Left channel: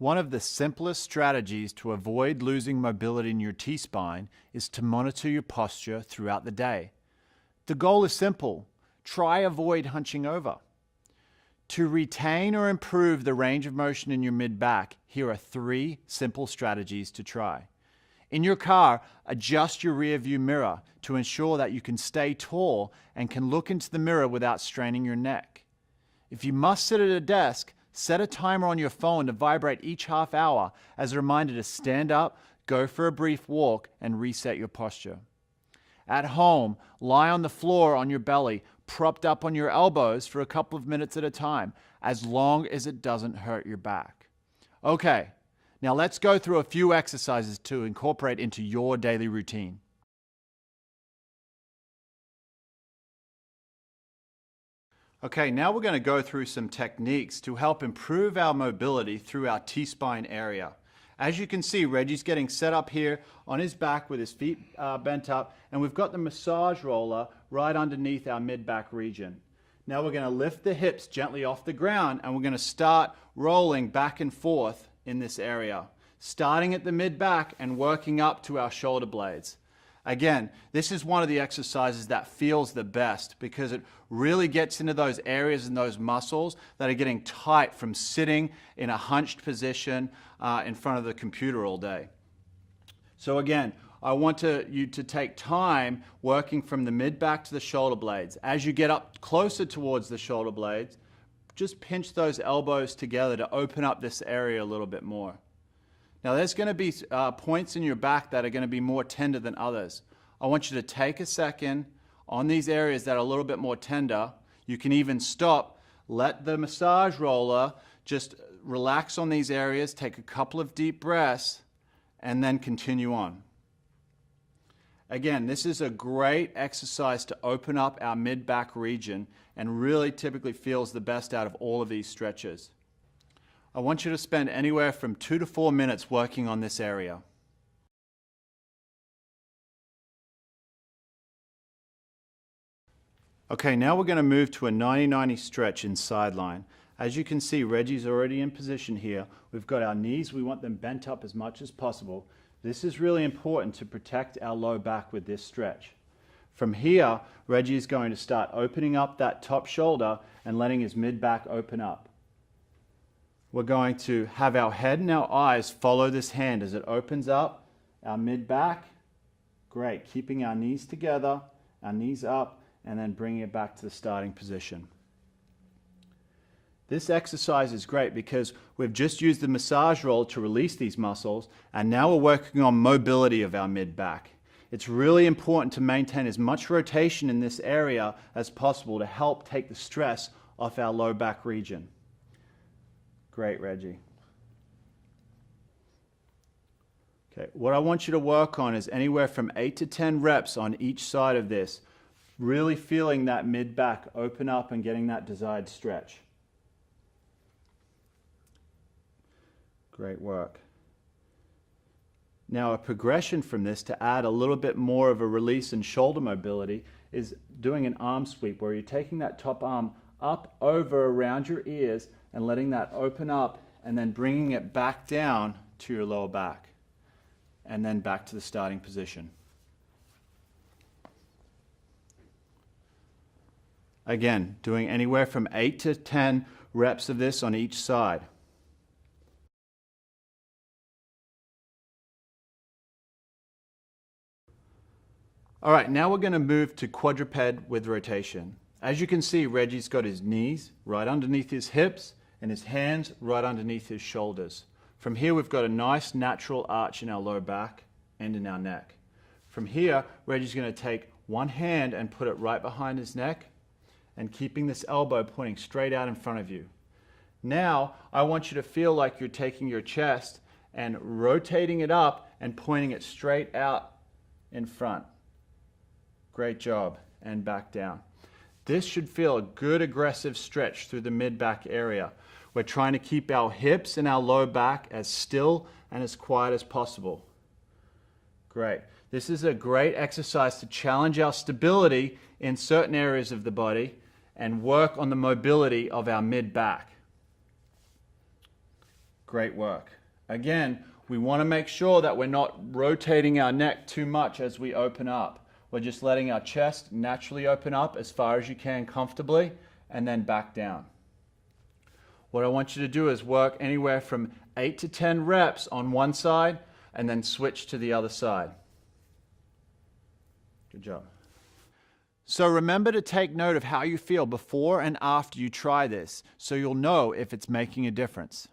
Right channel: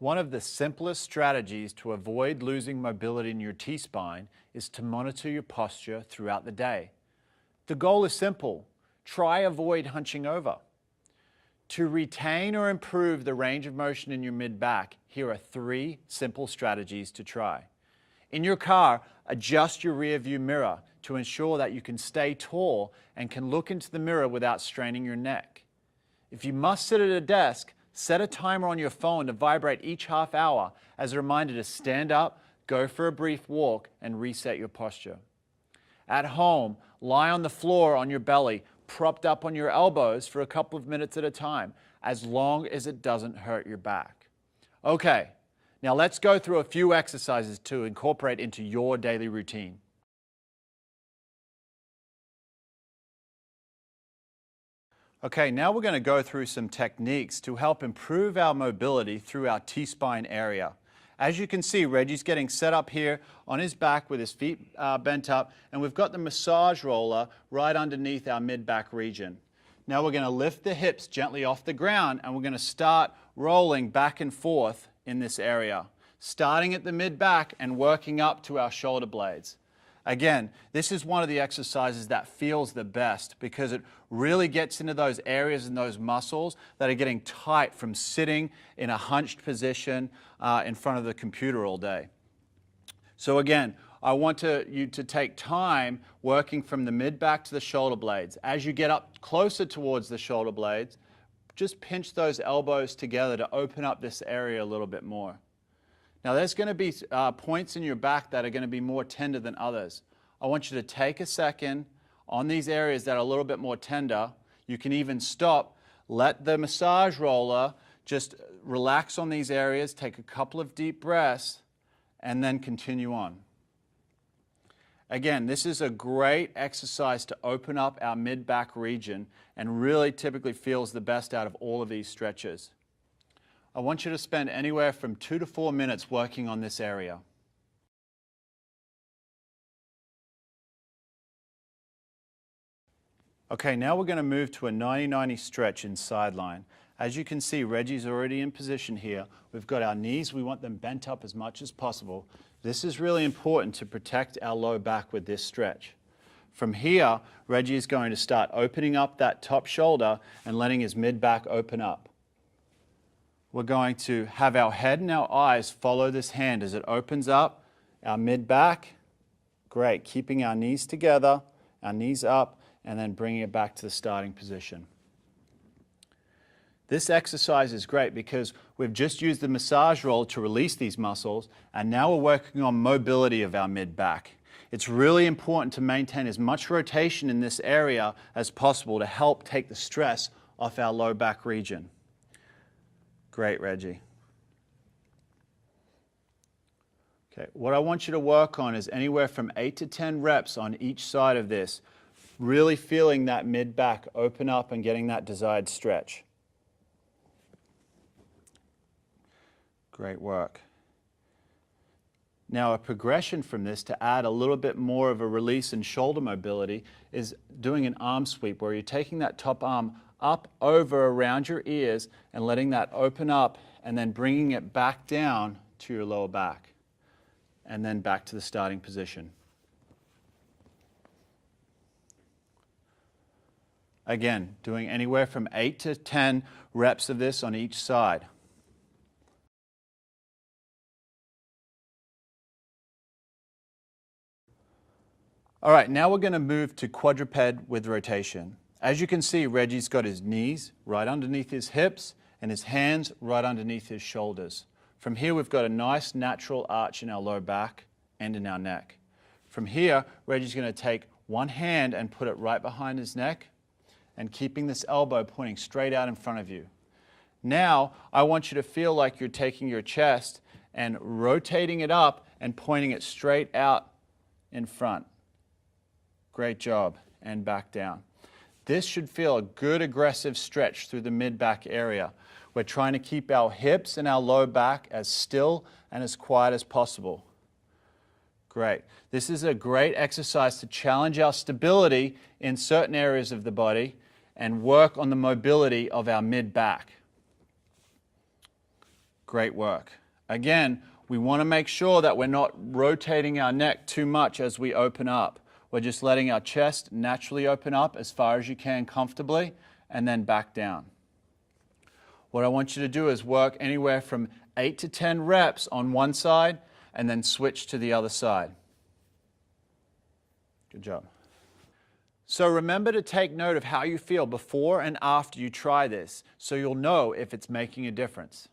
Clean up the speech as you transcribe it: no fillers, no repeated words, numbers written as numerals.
One of the simplest strategies to avoid losing mobility in your T-spine is to monitor your posture throughout the day. The goal is simple. Try avoid hunching over. To retain or improve the range of motion in your mid-back, here are 3 simple strategies to try. In your car, adjust your rear view mirror to ensure that you can stay tall and can look into the mirror without straining your neck. If you must sit at a desk, set a timer on your phone to vibrate each half hour as a reminder to stand up, go for a brief walk, and reset your posture. At home, lie on the floor on your belly, propped up on your elbows for a couple of minutes at a time, as long as it doesn't hurt your back. Okay, now let's go through a few exercises to incorporate into your daily routine. Okay, now we're going to go through some techniques to help improve our mobility through our T-spine area. As you can see, Reggie's getting set up here on his back with his feet bent up, and we've got the massage roller right underneath our mid-back region. Now we're going to lift the hips gently off the ground, and we're going to start rolling back and forth in this area, starting at the mid-back and working up to our shoulder blades. Again, this is one of the exercises that feels the best because it really gets into those areas and those muscles that are getting tight from sitting in a hunched position in front of the computer all day. So again, I want you to take time working from the mid-back to the shoulder blades. As you get up closer towards the shoulder blades, just pinch those elbows together to open up this area a little bit more. Now there's going to be points in your back that are going to be more tender than others. I want you to take a second on these areas that are a little bit more tender. You can even stop, let the massage roller just relax on these areas, take a couple of deep breaths, and then continue on. Again, this is a great exercise to open up our mid-back region and really typically feels the best out of all of these stretches. I want you to spend anywhere from 2 to 4 minutes working on this area. Okay, now we're going to move to a 90-90 stretch in sideline. As you can see, Reggie's already in position here. We've got our knees, we want them bent up as much as possible. This is really important to protect our low back with this stretch. From here, Reggie is going to start opening up that top shoulder and letting his mid-back open up. We're going to have our head and our eyes follow this hand as it opens up, our mid-back. Great, keeping our knees together, our knees up, and then bringing it back to the starting position. This exercise is great because we've just used the massage roll to release these muscles, and now we're working on mobility of our mid-back. It's really important to maintain as much rotation in this area as possible to help take the stress off our low back region. Great, Reggie. Okay, what I want you to work on is anywhere from 8 to 10 reps on each side of this, really feeling that mid-back open up and getting that desired stretch. Great work. Now a progression from this to add a little bit more of a release and shoulder mobility is doing an arm sweep where you're taking that top arm up, over, around your ears and letting that open up and then bringing it back down to your lower back and then back to the starting position. Again, doing anywhere from 8 to 10 reps of this on each side. All right, now we're going to move to quadruped with rotation. As you can see, Reggie's got his knees right underneath his hips and his hands right underneath his shoulders. From here, we've got a nice natural arch in our low back and in our neck. From here, Reggie's going to take one hand and put it right behind his neck and keeping this elbow pointing straight out in front of you. Now, I want you to feel like you're taking your chest and rotating it up and pointing it straight out in front. Great job, and back down. This should feel a good aggressive stretch through the mid-back area. We're trying to keep our hips and our low back as still and as quiet as possible. Great. This is a great exercise to challenge our stability in certain areas of the body and work on the mobility of our mid-back. Great work. Again, we want to make sure that we're not rotating our neck too much as we open up. We're just letting our chest naturally open up as far as you can comfortably and then back down. What I want you to do is work anywhere from 8 to 10 reps on one side and then switch to the other side. Good job. So remember to take note of how you feel before and after you try this so you'll know if it's making a difference.